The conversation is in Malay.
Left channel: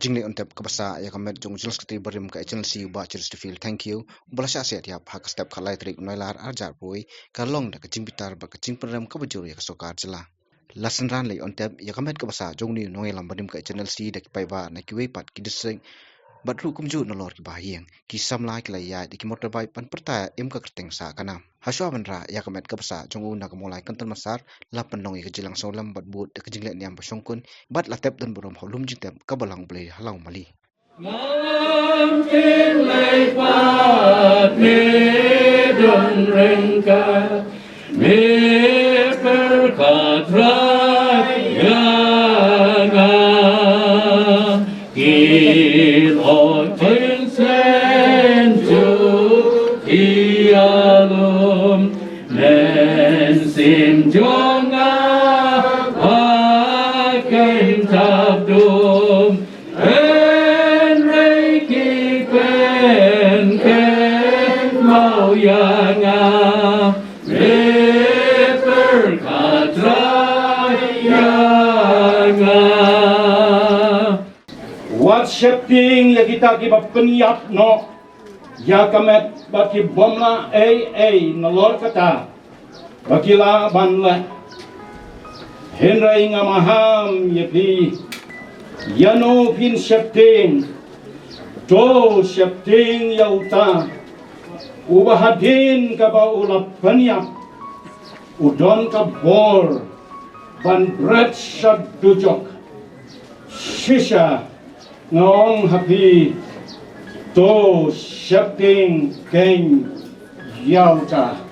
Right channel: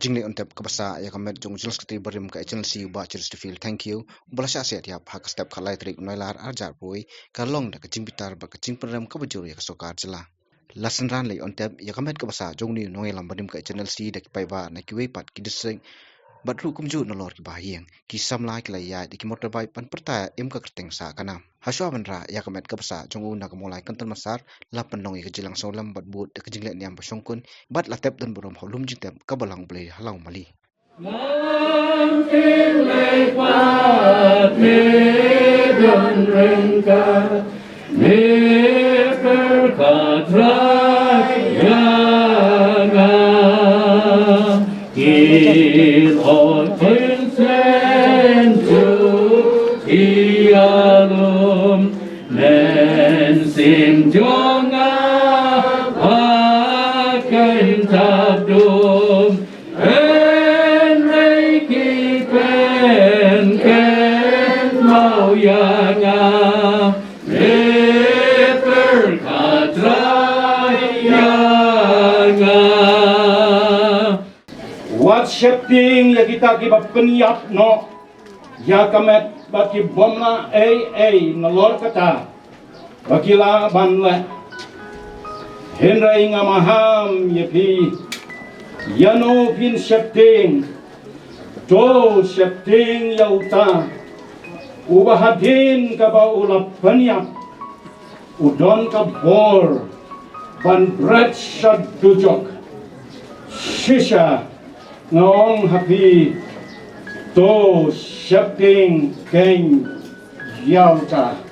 jingle ontep kabasa ya kamet jong jelas keti berim ka channel si ba cheers to feel thank you belasya set ya hak step khalai trik noilar arjar pui kalong da jingbitar ba pynrem ka bajur ya Sorkar jela lasan ran lei ontep ya kamet kabasa jong ni noilam berim ka channel si da pai ba na kiwe pat kidiseng batru kumju nolor ki bahiang ki samla ki laya di ki motorbike pan perta im ka kerteng sa kana haswa bandra ya kamet kabasa jong una ka mulai kantan masar la panong ka jilang solam bat but ka jingle niam ba songkun bat la tep donburom holum jingtep ka balang ble halau mali Nam tin lei pat me don Ryngkat me berkat raya Kilot pensentu ialum nen sim jonga pakai tabdum enreiki pen ken mau yanga berkat raya Wat shifting ya kita kiba penyap no ya kamet baki bomla nolor kata bakila banle henrai ngamaham ya pi yano pin shifting to shifting ya uta ubahadin kaba ulap penyap udon kabor ban bread shadujok shisha ngong happy to shifting king yauta